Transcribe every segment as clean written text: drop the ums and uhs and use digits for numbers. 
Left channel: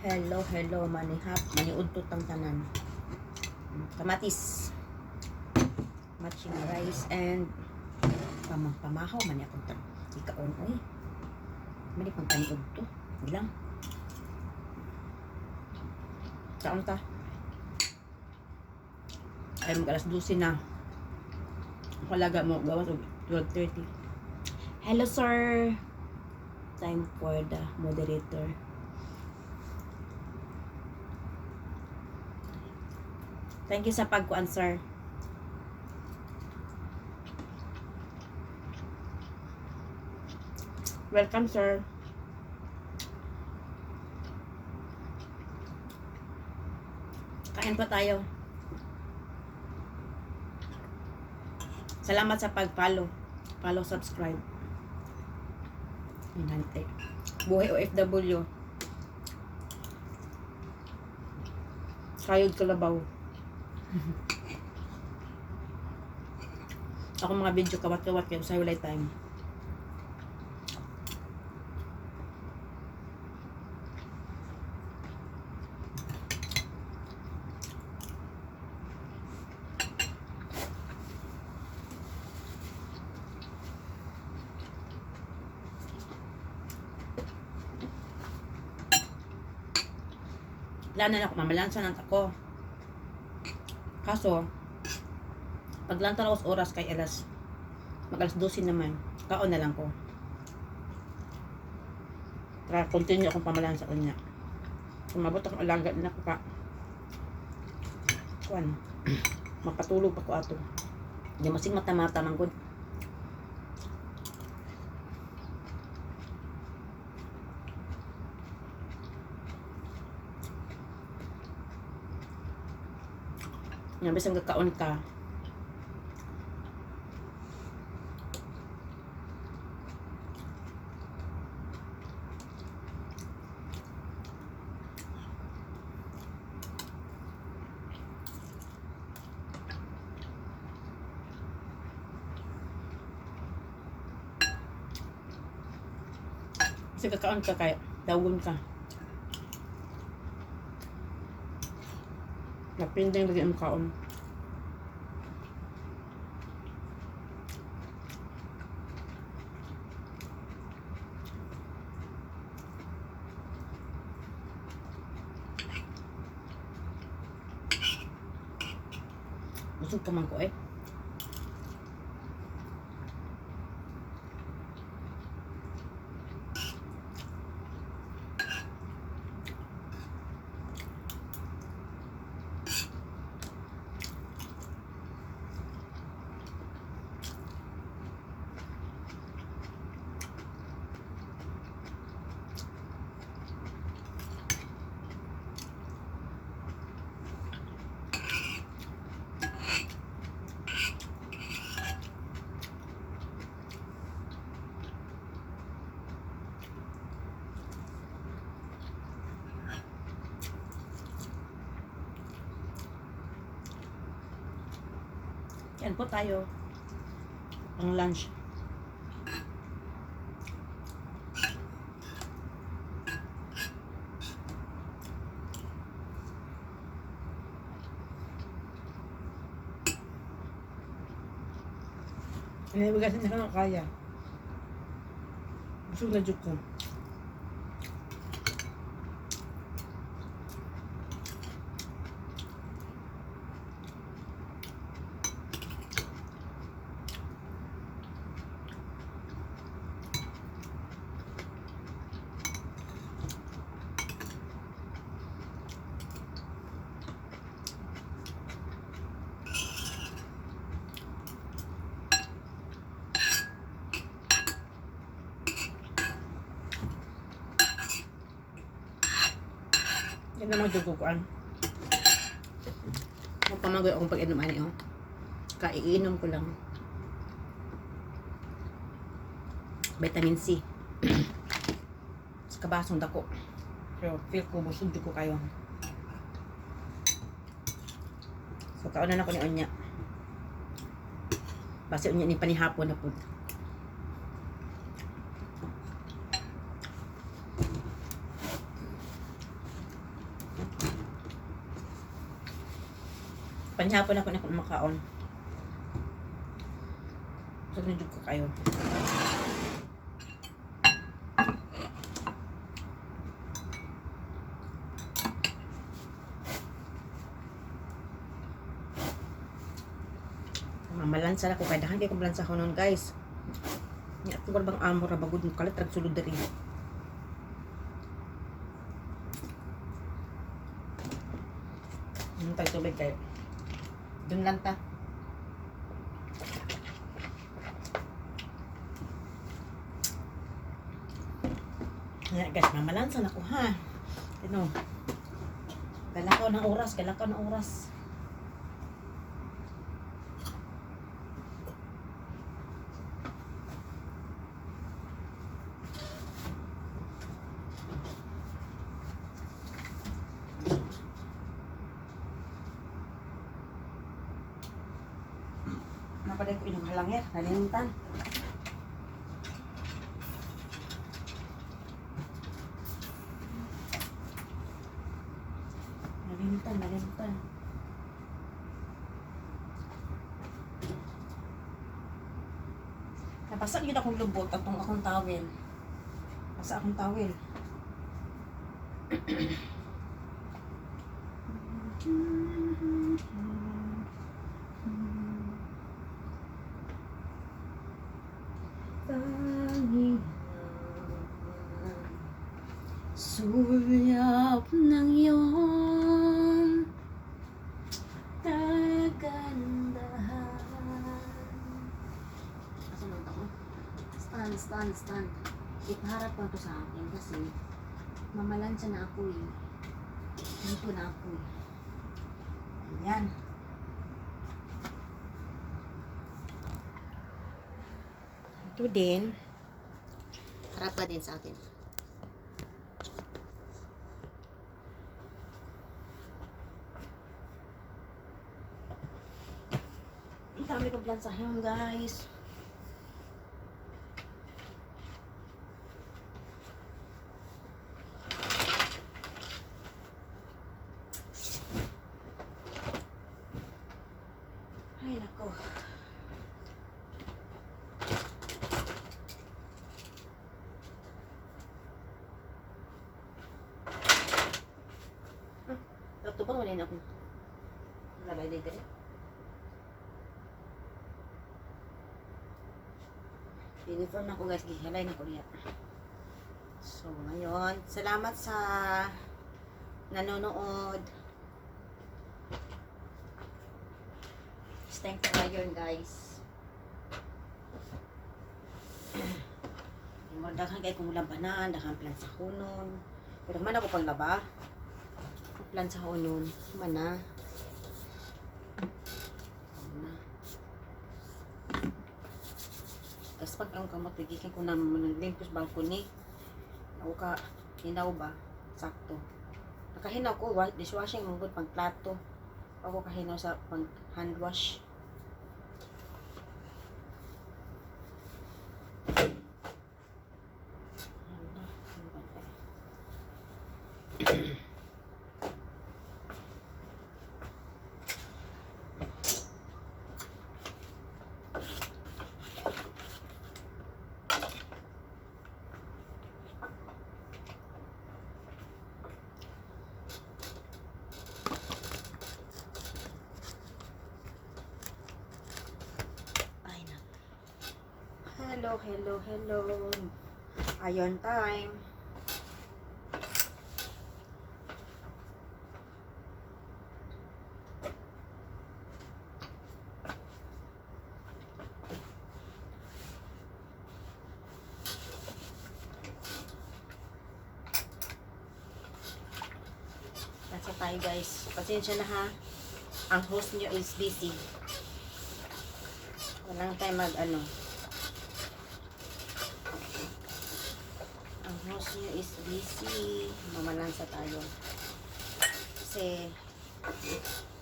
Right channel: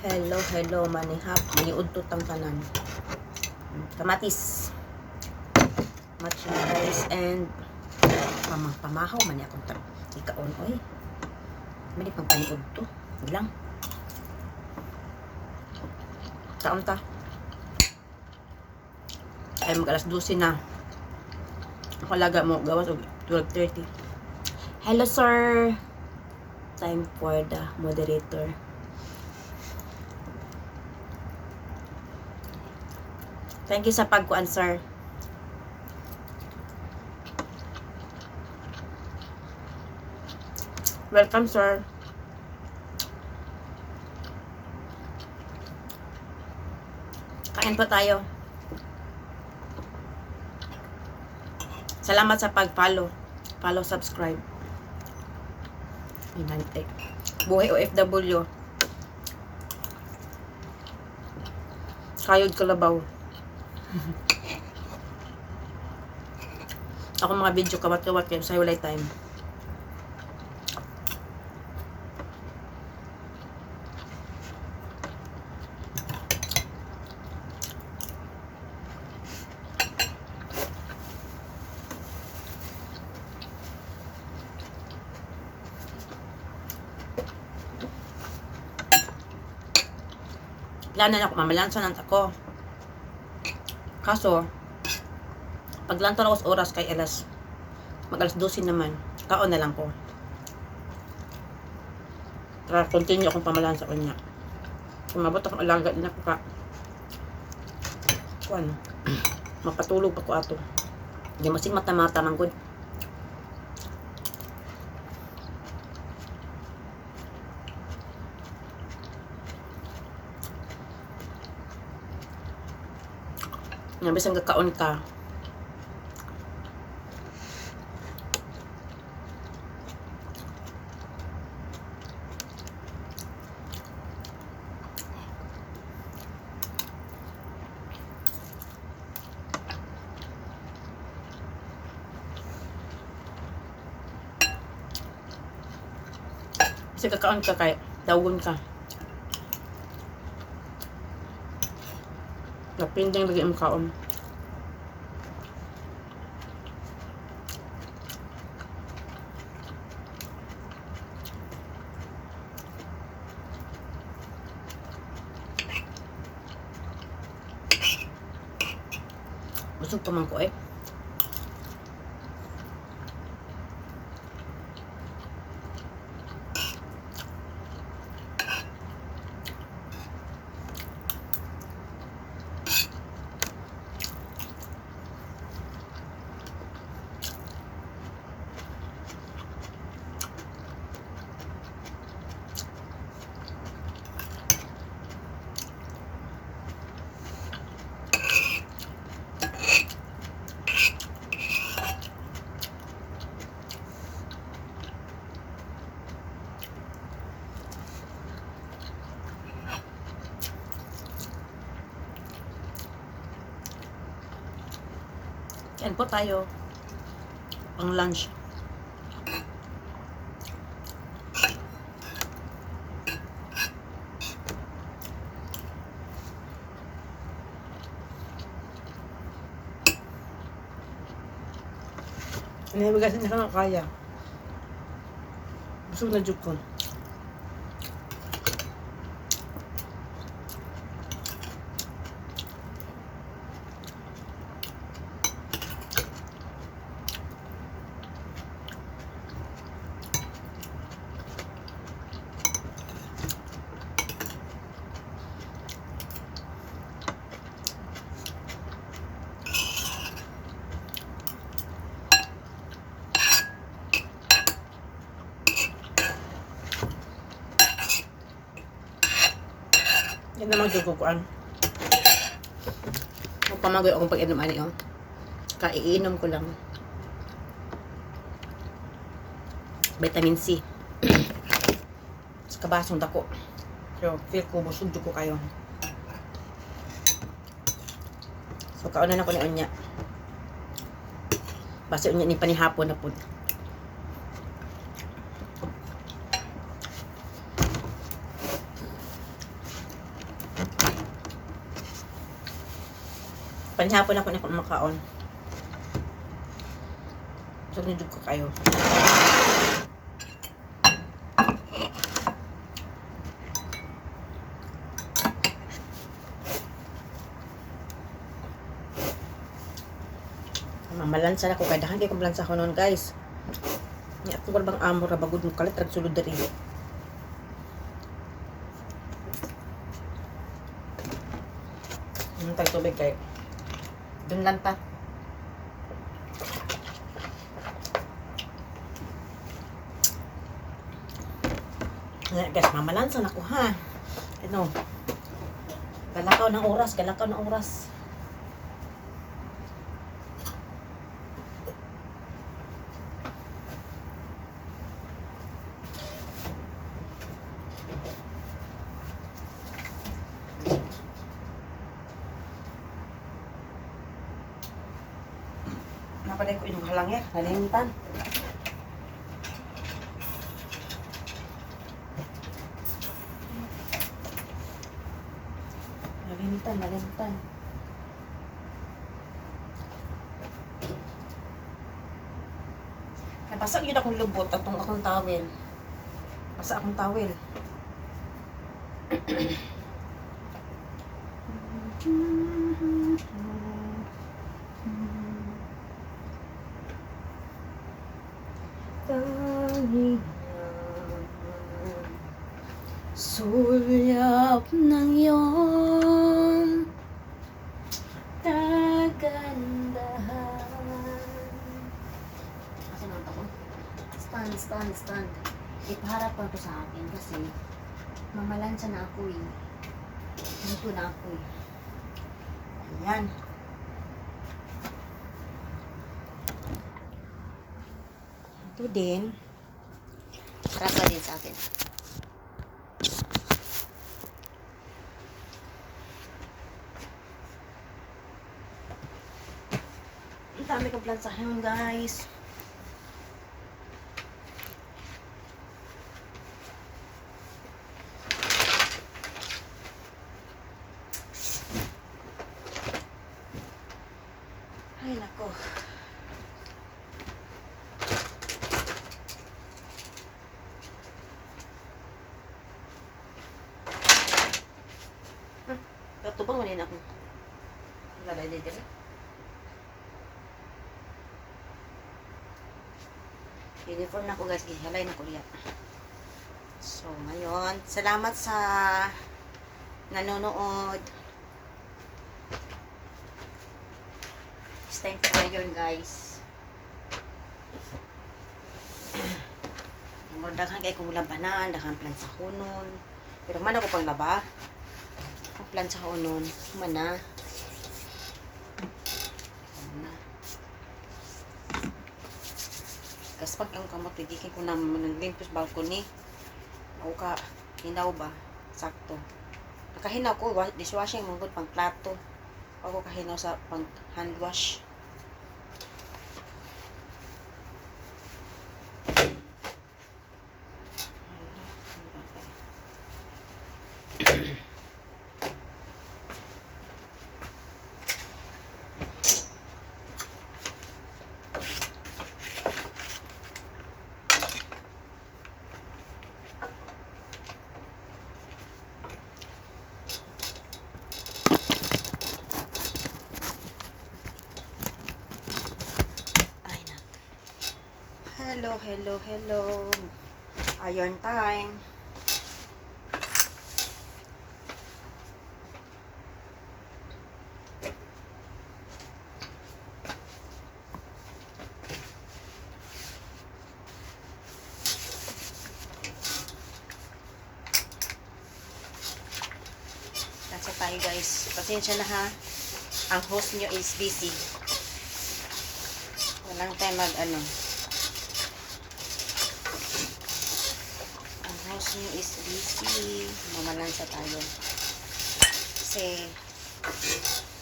Hello, hello, manihap, maniudto tang tanan. Kamatis, matching rice, and pamahaw man akong ikaon, oy. Mali pang paniudto. Ilang. Saan ta? Ay, mag-alas 12 na. Ako laga mo, gawas o 12:30. Hello, sir. Time for the moderator. Thank you sa pagkuan, sir. Welcome, sir. Kain po tayo. Salamat sa pag-follow. Follow, subscribe. Ay, nante. Buhay OFW. Kayod Kalabaw. Ako mga video kawat-kawat kayo sa walay time. Plano na ako, mamalansan ako. Kaso, paglantan ako sa oras kay mag-alas 12 naman, kaon na lang ko. Para continue akong pamalansa ko niya. Kung mabot akong alaga din ako kuan, mapatulog pa ko ato. Hindi masing mata-mata man good. Nga bisang kakaon ka. Bisang kakaon ka kaya dagon ka. Napinding lagi ang kaon. Busog pa man ko eh. Yan po tayo. Ang lunch. Inibigasin niya ka nga kaya. Busog na juk ko. Yan naman dugukuan. Magpamagoy akong pag-inom ani oh. Kaiinom ko lang. Vitamin C. Sa kabasong dako. Pero feel ko busog ko kayo. So kaon na ko ni Onya. Base Onya ni panihapon na pud. Panhapon ako na makaon. So, nidug ko kayo. Mamalansa na ko. Kaya dahan kayo kumbalansa ko noon, guys. Nga ako bang amor na bagod mo kalit. Ragsulod na rin. Tagtubig kayo. Dun lang ta. Guys, mamalansa na ko ha. Ano? Galakaw ng oras. Galakaw ng oras. Napaday ko inyong halangya. Nalimutan. Nalimutan. Nabasag yun akong lubot at akong towel. Basa akong towel. Sulyap ng iyong kagandahan. Kasi nanta ko, stand. Ipaharap ko to sa akin kasi mamalansa na ako eh. Dito na ako eh. Ayan. Ito din. Rasa din sa akin. Ang dami kong plansahan, guys. Ay, nako. Ito ba wala na ako? Labay dito. Uniform na ko, guys. Gihalay na ko diya. So, ngayon, salamat sa nanonood. It's time for ngayon, guys. Daghan kay kong labanan, daghan plan sa kunon. Pero man ako pang laba. Ang plan sa kunon, mana. Kasi pag ang kamot, tigikin ko naman ng lintos balcony. Ako ka, hinaw ba? Sakto. Nakahinaw ko, dishwashing mong pang plato. Ako kahinaw sa pang hand wash. Hello. Iron time. Nasa tayo, guys. Pasensya na ha. Ang host nyo is busy. Walang time mag-ano. House nyo is busy. Mamalansa tayo. Kasi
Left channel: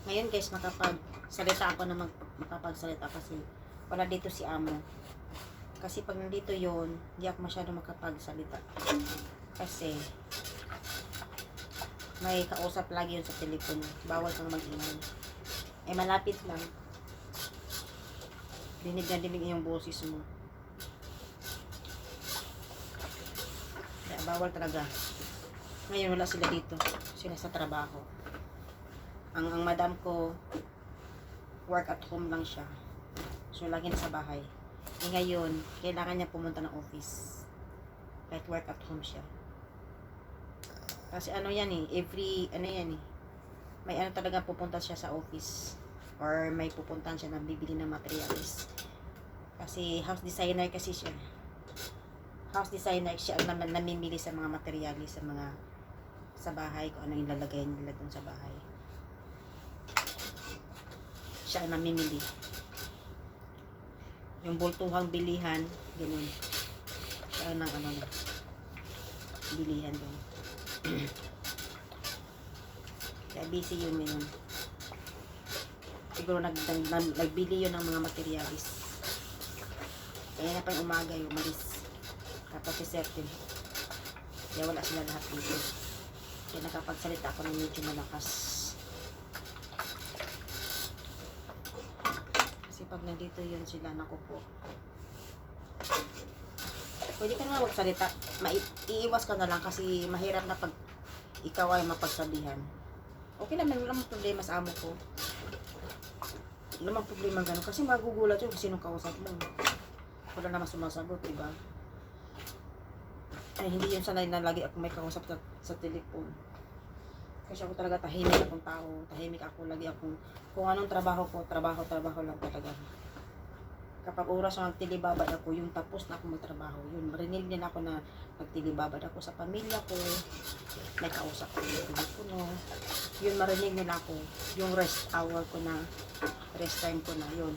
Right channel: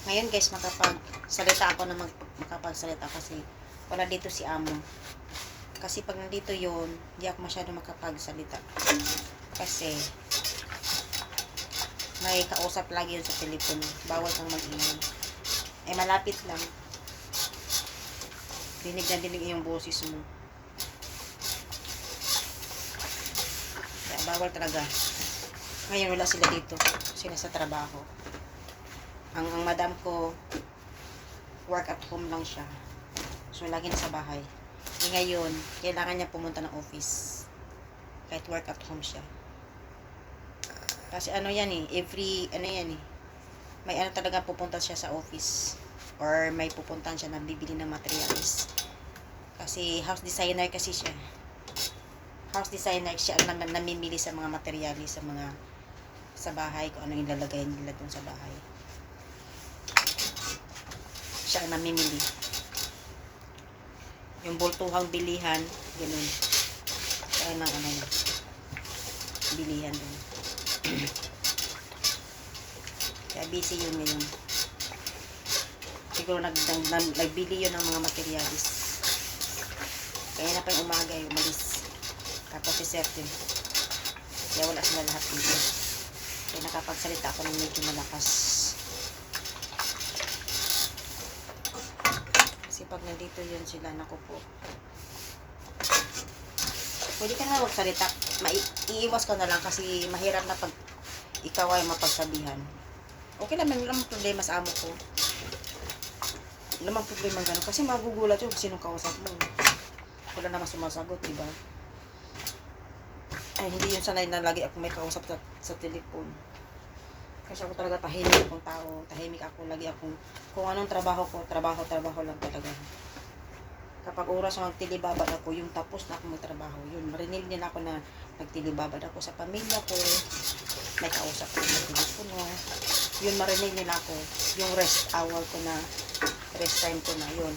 ngayon, guys, makapagsalita ako na makapagsalita kasi wala dito si amo. Kasi pag nandito yon, di ako masyado makapagsalita. Kasi may kausap lagi yun sa telepono. Bawal kang mag-ingay. Eh, malapit lang. Dinig na dinig yung boses mo. Kaya bawal talaga. Ngayon wala sila dito. Sila sa trabaho. Ang madam ko, work at home lang siya. So, lagi na sa bahay. E ngayon, kailangan niya pumunta ng office. Kahit work at home siya. Kasi ano yan eh, may ano talaga pupunta siya sa office. Or may pupuntahan siya na bibili ng materials. Kasi house designer kasi siya. House designer siya ang namimili sa mga materials, sa bahay, kung ano yung lalagay nila dun sa bahay. Siya ang namimili. Yung bultuhang bilihan, ganun. Siya ang bilihan dun. Kaya busy yun ngayon. Siguro nagbili yun ng mga materials. Kaya na pa yung umaga yung umalis. Tapos si Sertin. Kaya wala sila lahat dito. Kaya nakapagsalita ako ng medyo malakas. Kasi pag nandito yun sila, naku po. Pwede ka na magsalita. Iiwas ko na lang kasi mahirap na pag ikaw ay mapagsabihan. Okay naman, wala namang problema sa amo ko. Wala namang problema gano'n. Kasi magugulat yun kasi nung kausap mo. Wala naman sumasagot, diba? Ay, hindi yun sanay na lagi ako may kausap sa telepon. Kasi ako talaga tahimik akong tao. Tahimik ako, lagi akong, kung anong trabaho ko, trabaho lang talaga. Kapag oras na nagtilibabad ako, yung tapos na ako magtrabaho, yun, marinig niya na ako na nagtilibabad ako sa pamilya ko, may kausap ko sa telepono, yun, marinig nila ako, yung rest hour ko na, rest time ko na, yun.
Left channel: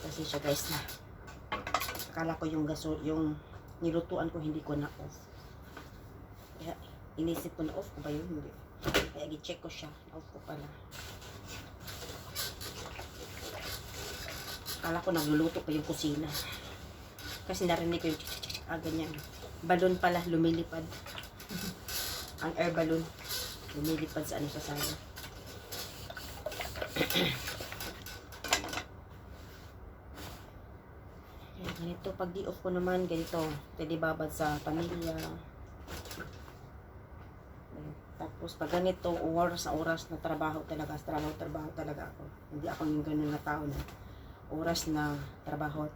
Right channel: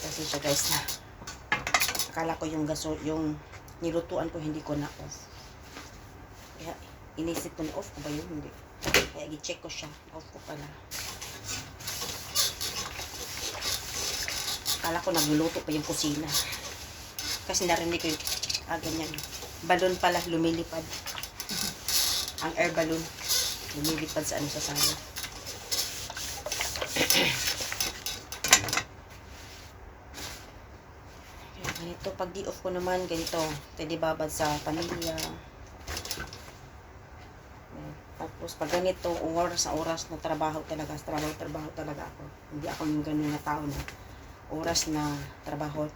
Kasi siya guys na akala ko yung yung nilutuan ko hindi ko na off. Kaya inisip ko na off ko ba yun? Hindi. Kaya i-check ko siya. Off ko pala. Akala ko nagluluto pa yung kusina. Kasi narinig ko yung ganyan. Balon pala lumilipad. Ang air balloon lumilipad sa sa sala. Ganito, pag di off ko naman, ganito, tilibabad sa pamilya. Tapos, pag ganito, oras na trabaho talaga, trabaho talaga ako. Hindi ako yung ganun na tao na oras na trabaho,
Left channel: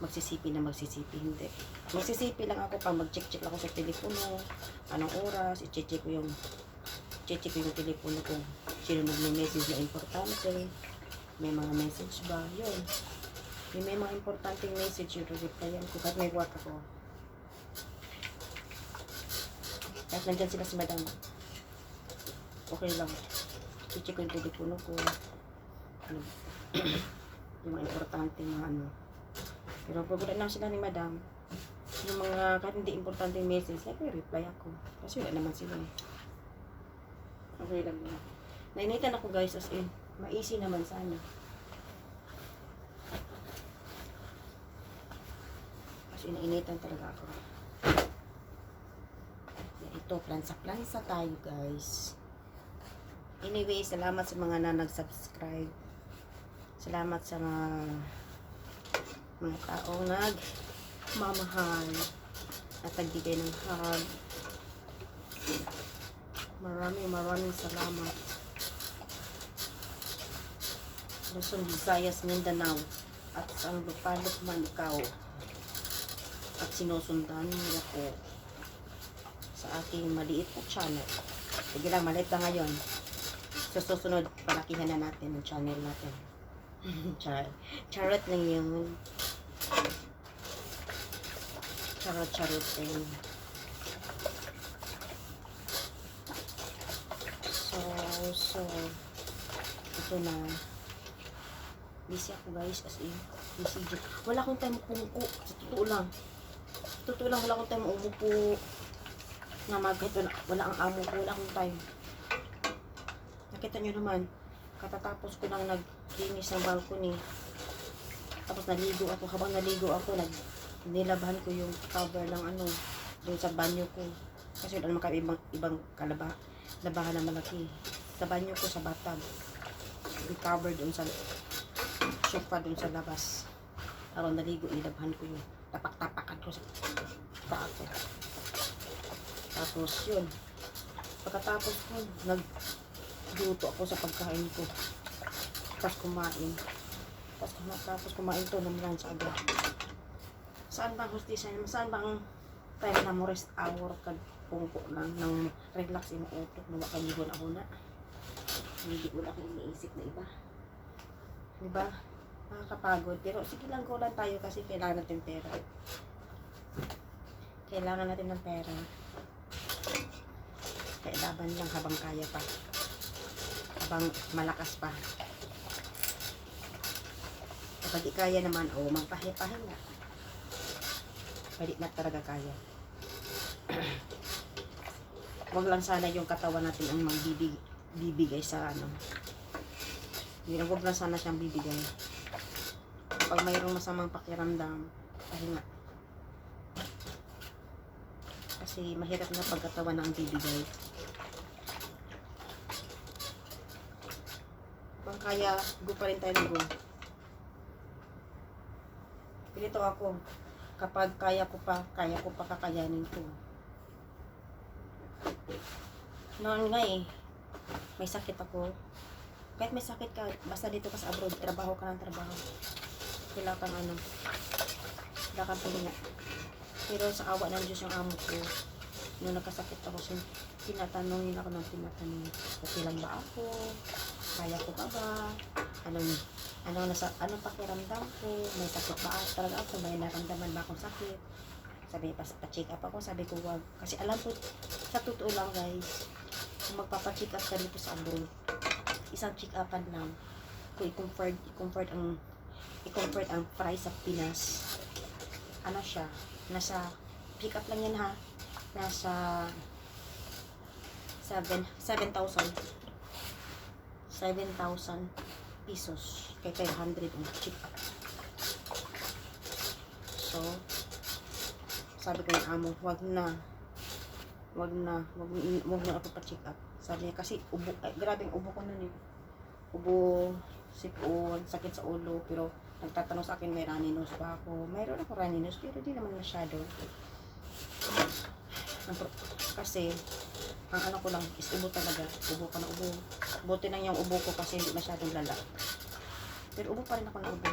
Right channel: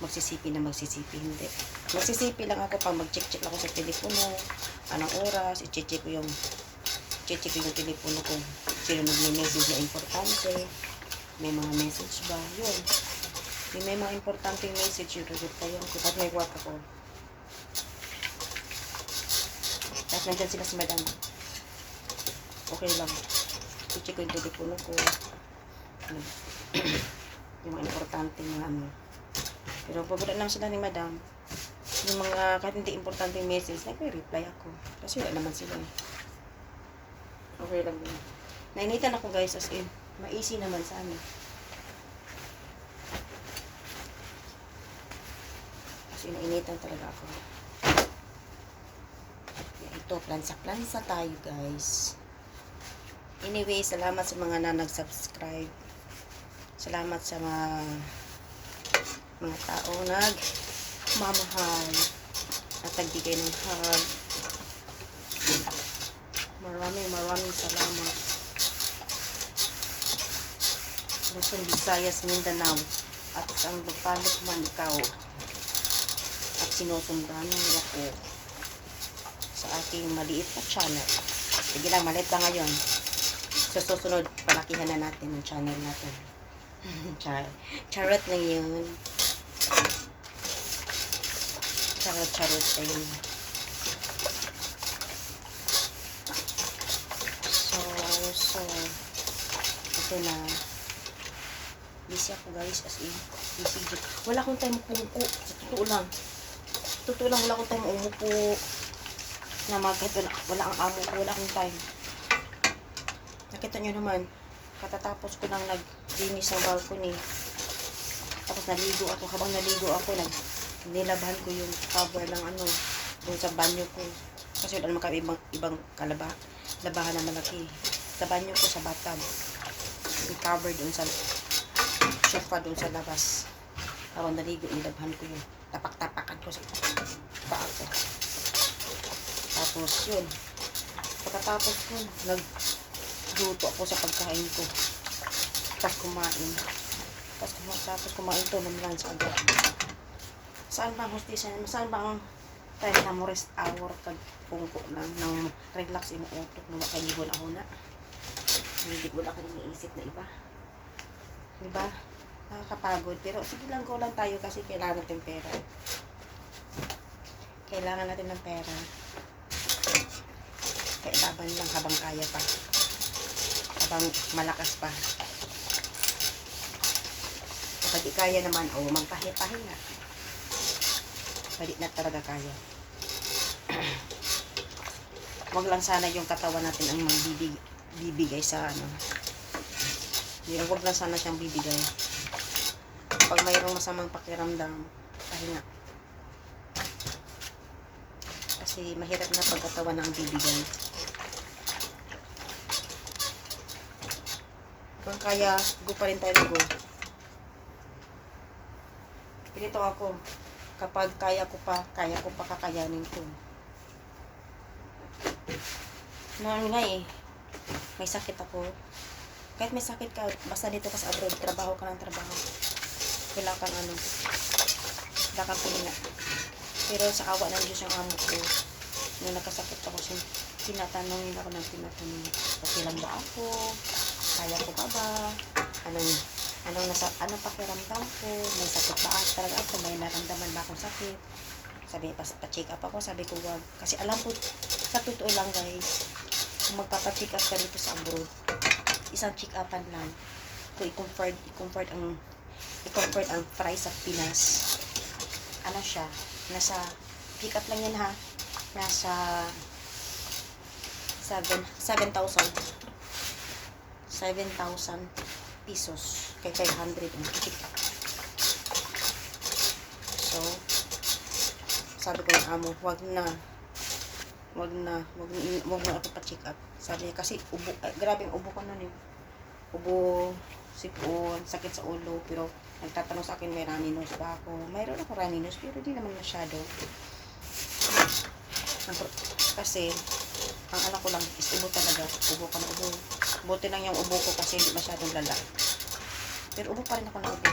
magsisipi, hindi. Magsisipi lang ako pag mag-check ako sa telepono, anong oras, i-check ko yung telepono kung sino nag-message na importante, may mga message ba, yun. May mga importanteng message yung reply ko kahit may work ako. Kahit nandyan sila si madam, okay lang. I-check ko yung telepono ko. Yung mga importante na Pero pag lang sila ni madam, yung mga kahit hindi importante message, nag-reply ako. Kasi wala naman sila. Okay lang yun. Nainitan ako guys, as in, ma-easy naman sana. Kasi nainitan talaga ako. Yan, ito, plansa tayo guys. Anyway, salamat sa mga nag-subscribe. Salamat sa mga taong nagmamahal at nagbigay ng hug. Maraming salamat. Luzon, Visayas, Mindanao at ang magpalok man ikaw at sinusundan niyo ako sa aking maliit na channel. Sige lang, maliit lang ngayon. Sa susunod, palakihan na natin yung channel natin. Charot lang yun. Charot, ayun. So, ito na. Busy ako guys, as in. Busy. Wala akong time umupo. Sa totoo lang. Wala akong time umupo. Na wala ang amo ko, wala akong time. Nakita nyo naman, katatapos ko lang naglinis ng balcony. Tapos naligo ako, habang naligo ako, nilabahan ko yung cover ng dun sa banyo ko. Kasi wala naman kami ibang labahan na malaki. Sa banyo ko, sa bathtub. I-cover dun sa sofa dun sa labas. Habang naligo, nilabahan ko yun. Tapak-tapakan ko sa paa ko. Tapos yun. Pagkatapos ko, nagluto ako sa pagkain ko. Tapos kumain. Tapos kumain to naman sa agad. Saan ba ang hostesa? Saan ba ang time na mo rest hour kag pungko lang nang relax yung utok na makaligon ako na. Hindi ko na akong iniisip na iba. Diba? Nakakapagod. Pero sige lang, go lang tayo kasi kailangan natin pera. Kailangan natin ng pera. Kailangan lang habang kaya pa. Habang malakas pa. Kapag di kaya naman, magpahinga. Pwede na talaga kaya. Wag lang sana yung katawan natin ang magbibigay sa Wag lang sana siyang bibigay. Pag mayroong masamang pakiramdam, pahinga. Kasi mahirap na pagkatawan na ang bibigay. Kung kaya, go pa rin tayo go. Pilito ako. Kapag kaya ko pa kakayanin ko. Noon nga may sakit ako. Kahit may sakit ka, basta dito ka sa abroad, trabaho ka ng trabaho. Wala kang pilinga. Pero sa awa ng Diyos ang amo ko, nung nagkasakit ako, tinatanong ako, okay lang ba ako? Kaya ko ba? Anong pakiramdam ko? May sakit ba talaga ako? May naramdaman ba akong sakit? Sabi, pa-check up ako. Sabi ko, wag. Kasi alam ko, sa totoo lang guys, kung magpapacheck up ka dito sa abroad, isang check upan lang. Kung i-convert ang price sa Pinas, siya? Nasa, check up lang yan ha. Nasa 7,000 pesos. Kay 500 ang check up. So, sabi ko ng amo, wag na ako pa-check up. Sabi niya, kasi grabing ubo ko nun Ubo, sipon, sakit sa ulo, pero nagtatanong sa akin, may runny nose ba ako? Mayroon ako runny nose, pero di naman masyado. Kasi, ang alam ko lang is ubo talaga. Ubo ko na ubo. Buti lang yung ubo ko kasi hindi masyadong lala. Pero ubo pa rin ako na ubo.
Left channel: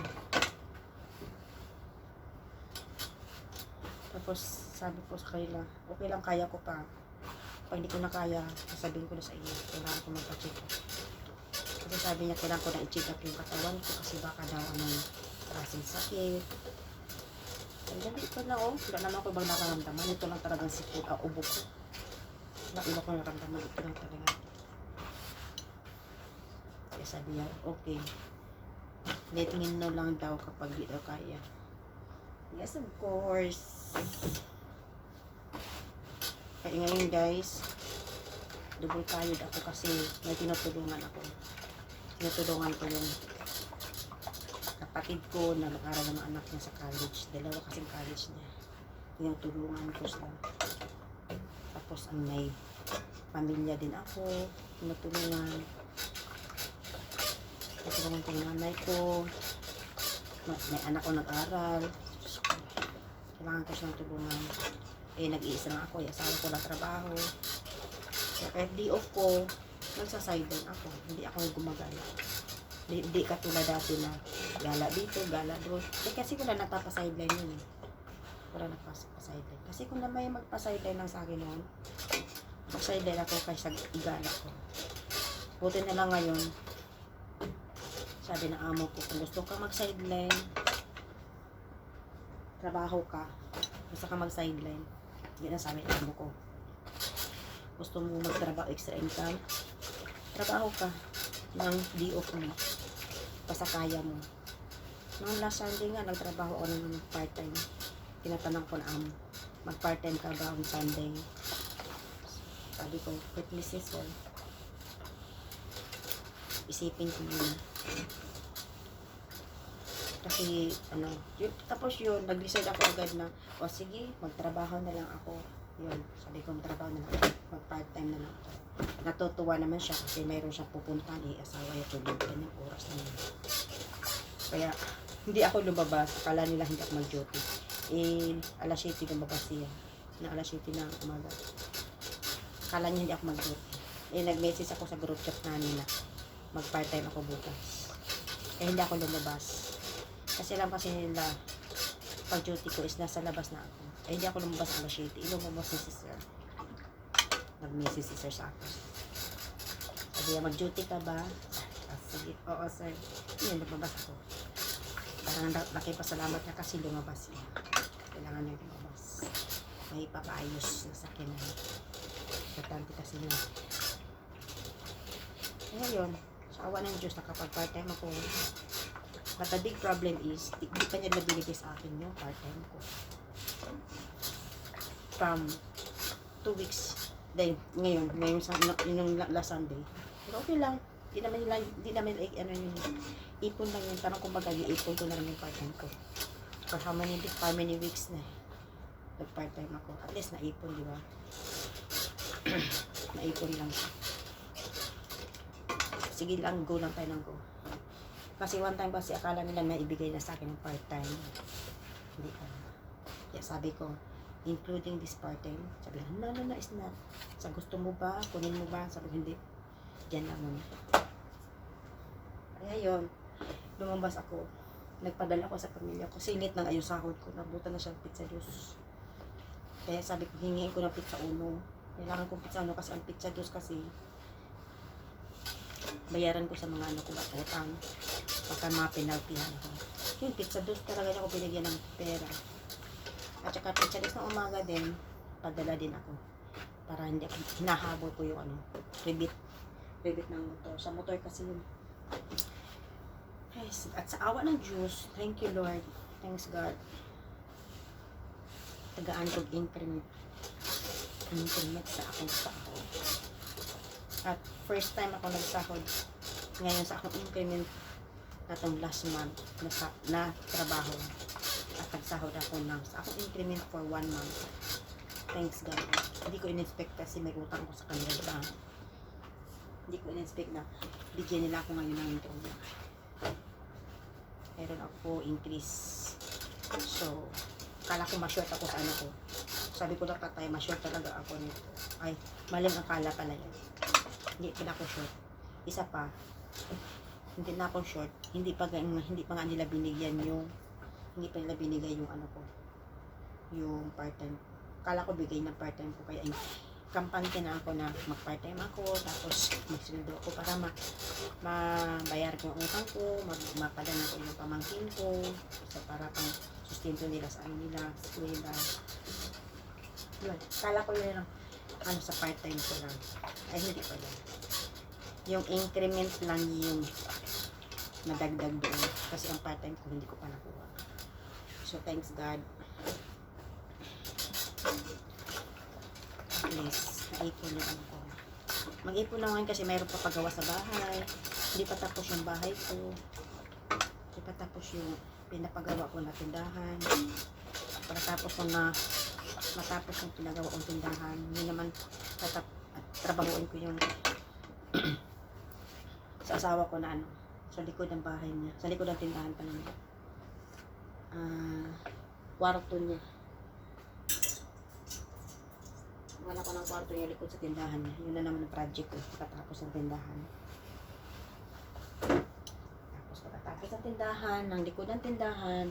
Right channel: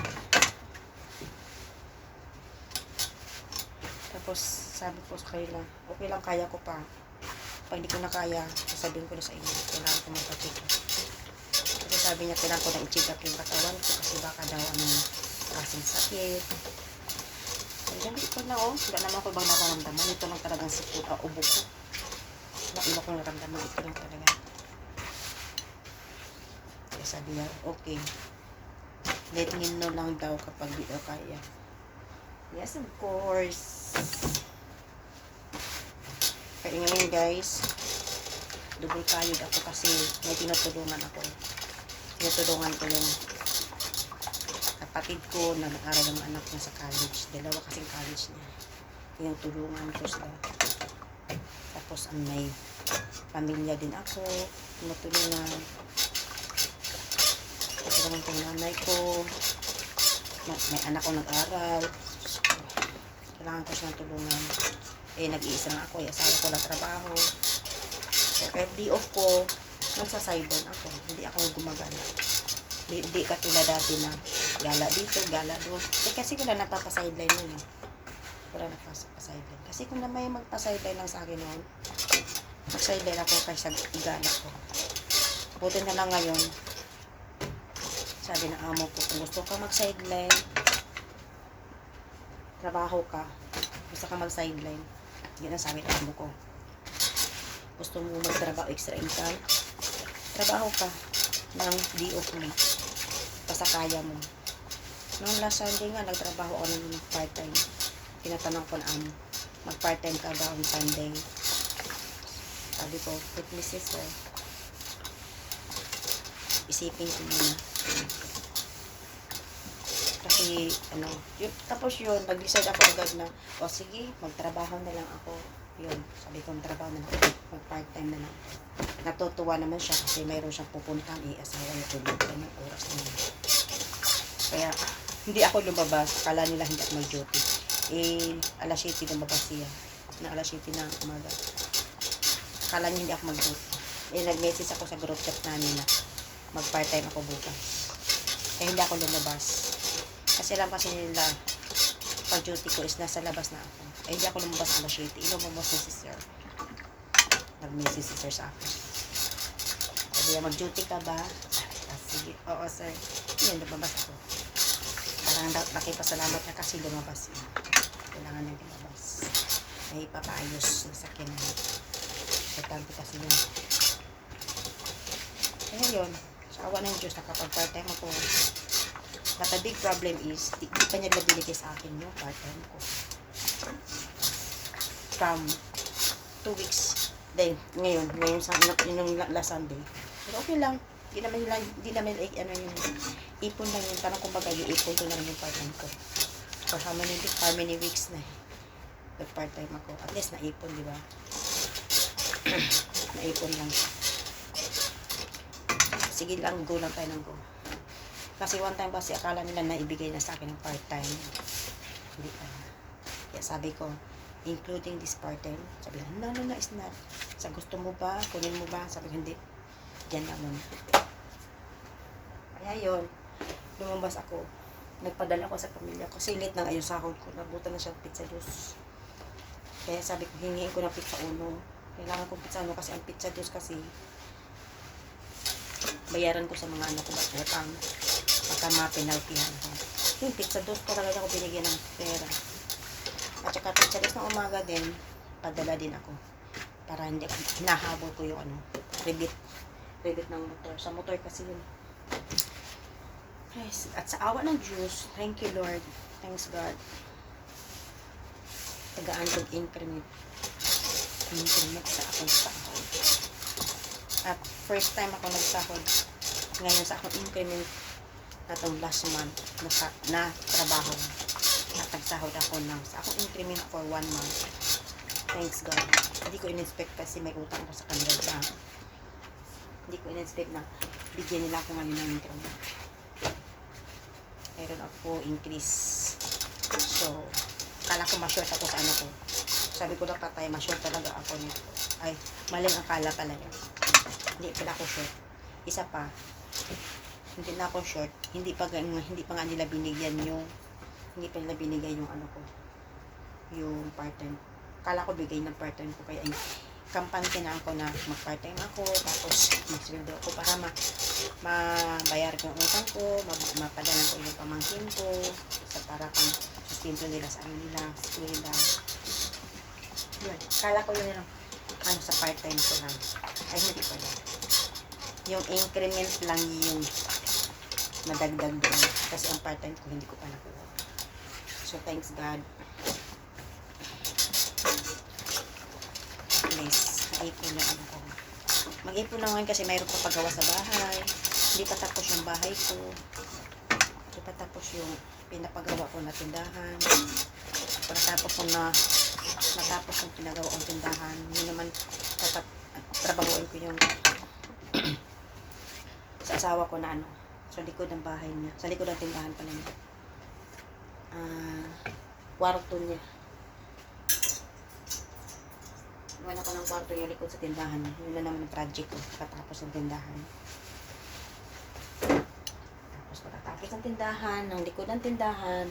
Tapos, sabi ko sa kanila, okay lang, kaya ko pa. Pag hindi ko na kaya, sasabihin ko na sa inyo, kailangan ko magpa-check up. Kasi sabi niya, kailangan ko na i-check up yung katawan ko kasi baka daw kasing sakit. Kaya ito na wala naman ako ibang nararamdaman. Ito lang talagang sipon, ubo ko. Wala iba kong nararamdaman, ito lang talaga. Kaya sabi niya, okay. Let me know lang daw kapag di daw kaya. Yes, of course. Kaya ngayon guys, double kayod ako kasi may tinutulungan ako. Tinutulungan ko yung kapatid ko na nag-aral ng anak niya sa college. Dalawa kasing college niya. Yung tulungan ko sila. Tapos may pamilya din ako. Tinutulungan. Tinutulungan ko yung nanay ko. May anak ko nag-aral. Kailangan ko siyang tulungan. Nag-iisa lang ako. Asawa ko lang trabaho. Kaya kahit day off ko, nagsa-sideline ako. Hindi ako gumagala. Hindi katulad dati na gala dito, gala doon. Kasi wala nagpapasideline yun. Wala nagpapasideline. Kasi kung na may magpasideline lang sa akin noon, Mag-sideline ako kaysa igala ko. Buti na lang ngayon, sabi ng amo ko, kung gusto ka mag-sideline, trabaho ka. Gusto ka mag-sideline. Yun ang sabi ng amo ko. Gusto mo magtrabaho extra income, trabaho ka ng DOF mo. Basta kaya mo. Noong last Sunday nga, nagtrabaho ako ng part-time. Tinatanong ko na amo, mag-part-time ka ba on Sunday? Sabi ko, with me sister, isipin ko muna. Kasi, tapos yun, nag-decide ako agad na, o sige, magtrabaho na lang ako. Yun, sabi ko, magtrabaho na lang, mag-part-time na lang. Natutuwa naman siya kasi mayroon siyang pupuntahan, asawa niya, tulog ka ng oras na yun. Kaya, hindi ako lumabas, akala nila hindi ako mag-duty. Alas 7 lumabas siya, na alas 7 na umaga. Akala niya hindi ako mag-duty. Nag-message ako sa group chat na nila, mag-part-time ako bukas. Kaya hindi ako lumabas. Kasi lang kasi nila, pag-duty ko is nasa labas na ako. Hindi ako lumabas alas 7. Lumabas na si sir. Nag-message si sir sa akin. Sabi niya, mag-duty ka ba? Sige, oo sir. Yun, lumabas ako. Parang nakipasalamat niya kasi lumabas yun. Kailangan niya lumabas. May papaayos na sakyan niya. Importante kasi yun. Kaya yun, sa awa ng Diyos, nakapag-part-time ako. But the big problem is, di pa niya binigay sa akin yung part-time ko. From 2 weeks. Then, ngayon sa yung last Sunday. Pero okay lang. Hindi naman yun. Ipon lang yun. Parang kumbaga, yung ipon ko na lang yung part-time ko. For how many weeks na nag-part-time ako. At least naipon, di ba? Naipon lang. Sige lang, go lang tayo ng go. Kasi one time kasi akala nila na ibigay na sa akin ng part-time. Hindi pala. Kaya sabi ko, including this part-time, sabi lang, no, it's not. Sa gusto mo ba? Kunin mo ba? Sabi ko, hindi. Diyan lang muna. Kaya yun, lumabas ako. Nagpadala ako sa pamilya ko. Kasi late na ngayon sahod ko. Nabutan na siyang pizza dos. Kaya sabi ko, hingiin ko ng pizza uno. Kailangan ko pizza uno kasi ang pizza dos kasi bayaran ko sa mga ano ko ba utang. Baka mapinaltihan ako. Yung pizza dos talaga ako binigyan ng pera. At saka pizza dos na umaga din, padala din ako. Para hindi ako, hinahabol ko yung rebit ng motor. Sa motor kasi yun. Yes. At sa awa ng Diyos, thank you Lord. Thanks God. Tagaan kong increment. Increment sa akong sahod. At first time ako nagsahod ngayon sa akong increment natong last month na trabaho. Natagsahod ako sa akong increment for 1 month. Thanks God. Hindi ko in-expect kasi may utang ako sa kanila ba. Hindi ko in-expect na bigyan nila ako ngayon ng increment. Meron ako increase. So, kala ko ma-short ako sa ano ko. Sabi ko lang tatay, ma-short talaga ako nito. Ay, maling akala talaga. Hindi pala ako short. Isa pa, hindi na ako short. Hindi pa nga nila binigyan yung ano ko. Yung part-time. Kala ko bigay ng part-time ko. Kaya kampante na ako na mag-part-time ako. Tapos mag-sweldo ako para mabayar ko yung utang ko. Mapadalan ko yung pamangkin ko. Para pang sustento nila sa ano nila. Eskwela. Yun. Kala ko yun lang. Ano sa part-time ko lang. Ay hindi pa yan. Yung increment lang yung nadagdag doon. Kasi ang part-time ko hindi ko pa nakuha. So thanks God. Please, mag-ipon yung ano ko. Mag-ipon na ngayon kasi mayroon pa pagawa sa bahay. Hindi pa tapos yung bahay ko. Hindi pa tapos yung pinapagawa ko na tindahan. Pagkatapos ko na matapos yung pinagawa kong tindahan, yun naman trabahuin ko yung sa asawa ko na ano, sa likod ng bahay niya, sa likod ng tindahan pala niya. Kwarto niya. Wala ko ng kwarto yung likod sa tindahan niya. Yun na naman ang project ko, pagkatapos ng tindahan. Tapos pagkatapos ng tindahan, ng likod ng tindahan,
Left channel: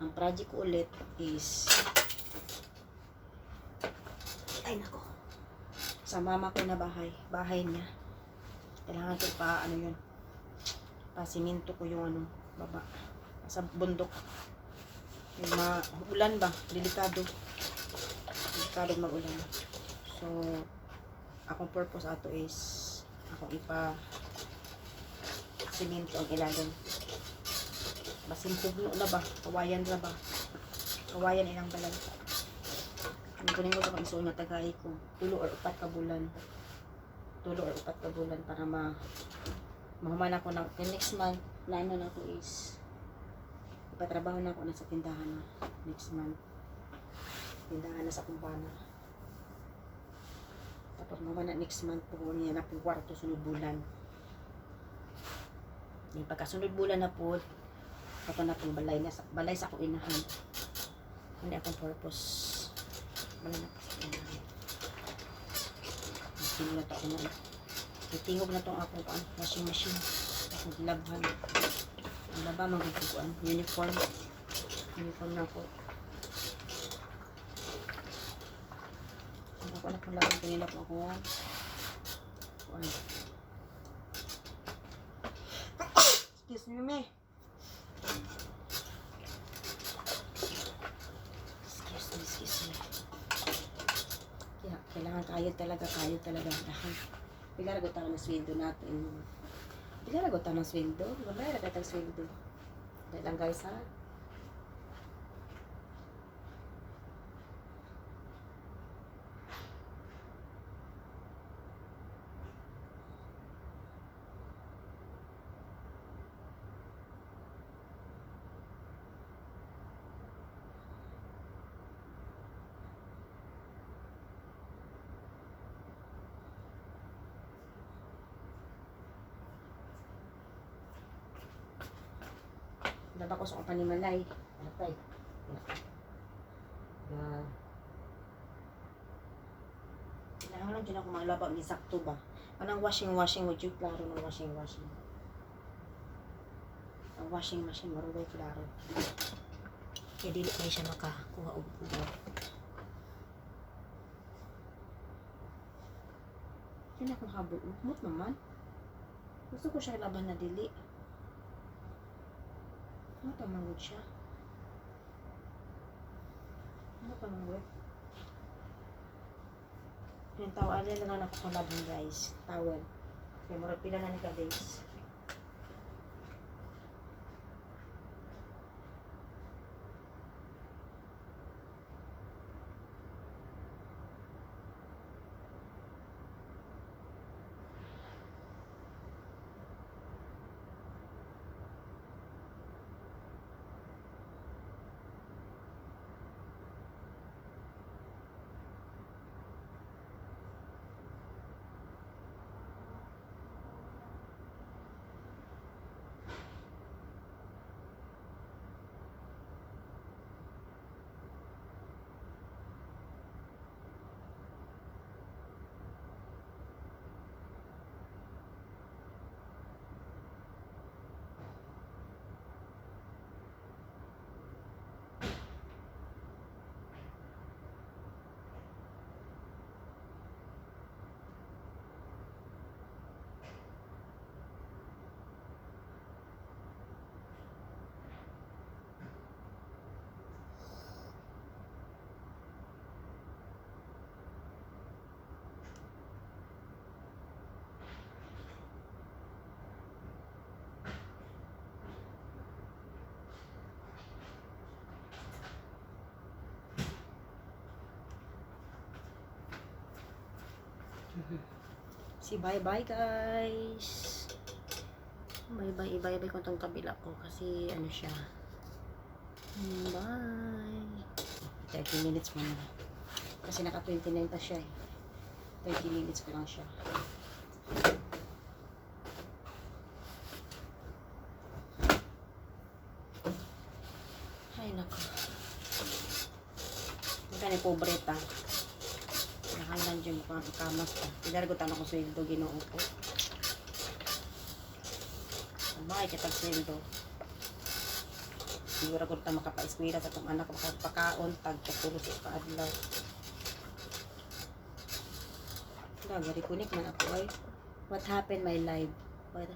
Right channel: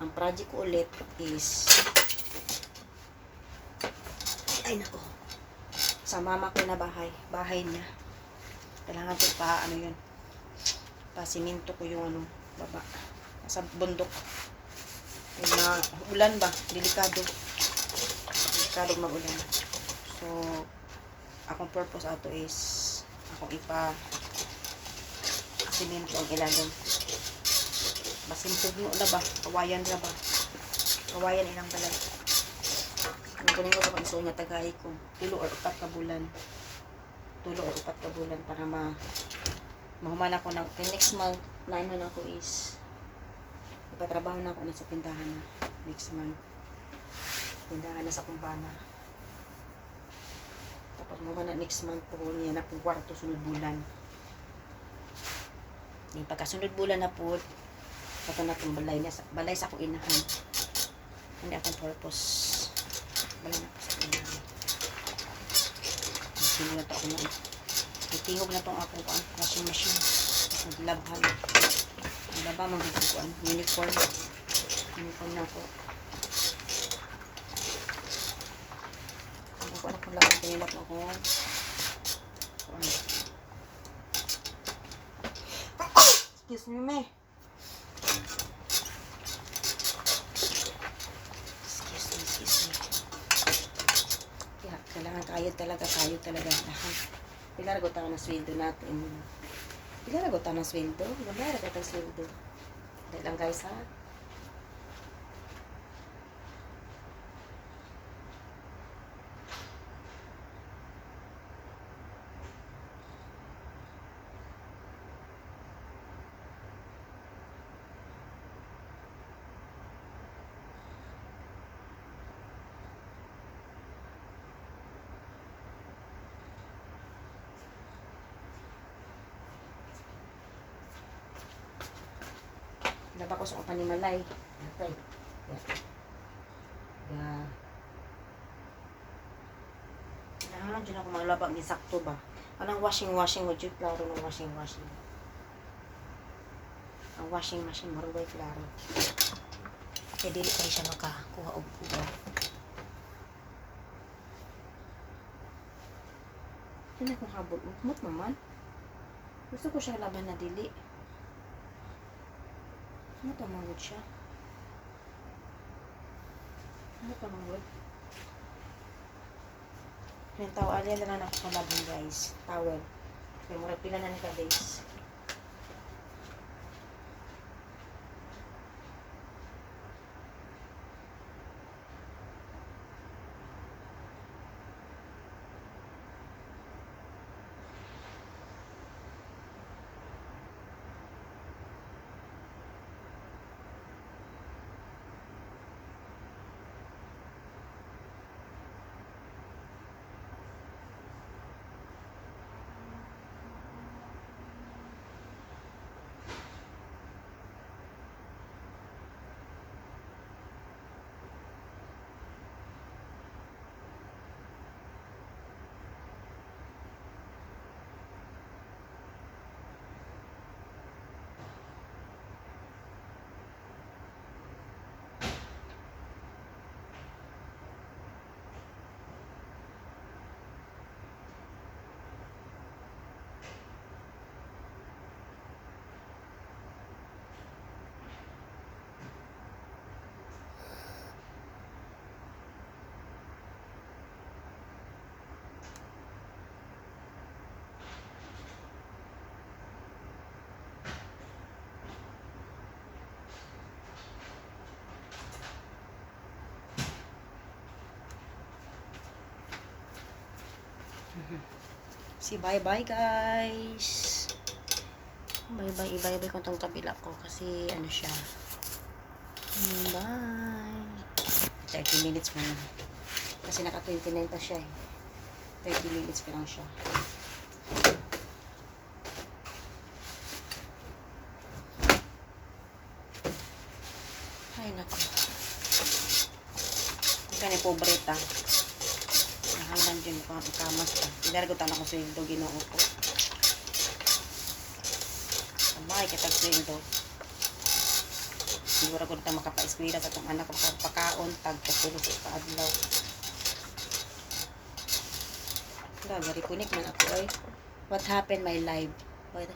ang project ko ulit is ay nako, sa mama ko na bahay niya. Kailangan ko pa, ano yun, pasiminto ko yung ano, baba. Sa bundok. Yung mga ulan ba, delikado mag-ulan. So, akong purpose ato is, akong siminto ang ilalim. Basimpog mo na ba, kawayan na ba, kawayan ilang balay. Ang kunin ko kapag isuon nga tagay ko, 3 or 4 ka bulan. 3 or 4 ka bulan para mahuman ako ng next month. Naino na ako is ipatrabaho na ako na sa tindahan na next month. Tindahan na sa kumpana. Tapos mahuman na next month po niya na pong kwarto sunod bulan. Yung pagkasunod bulan na po, ito na itong balay sa akong inahan. Ano akong purpose? Balay na po sa inahan. Sinulat ako na. Itingog na itong akong washing machine. Naglabhan. Naglaba, magkukuan. Uniform. Uniform na ako. Magkukuan ako lang. Tinilap ako. Kuan. Excuse me, me. Excuse me. Kaya, kailangan kayod talaga. Pila ragot ang sweldo natin. Pila ragot ang sweldo? Gabay ragot ang sweldo. Dahil lang guys ha. Laba ko sa panimalay. Atay. Yeah. Kailangan dyan ako maglaba. Gisakto ba? Anong washing mo? Diyut klaro ng washing. Ang washing machine, marubay klaro. Kaya dili kayo siya makakuha og ugaw. Hindi akong habol. Ukmot naman. Gusto ko siya laban na dili. Ano tamangod siya? Ano tamangod? Yung tawal yan na lang ako sa labong guys. Towel. Kaya murag pila na nila guys. Si bye-bye guys. Bye-bye. Ibay-bye ko itong kabila ko kasi ano siya. Bye. 30 minutes muna. Kasi naka 29 pa siya eh. 30 minutes pa lang siya. Ay nako. Ika ni pobreta. Nakalang dyan ko ang ikamas ka. Pinaragutan ako sweldo, ginoo ko. Sabay kitag sweldo. Siguro ko na makapa-eskwela sa itong anak ko, makapakaon, tagkapulo sa kaadlaw. Gari kunik man ako ay. What happened my life? What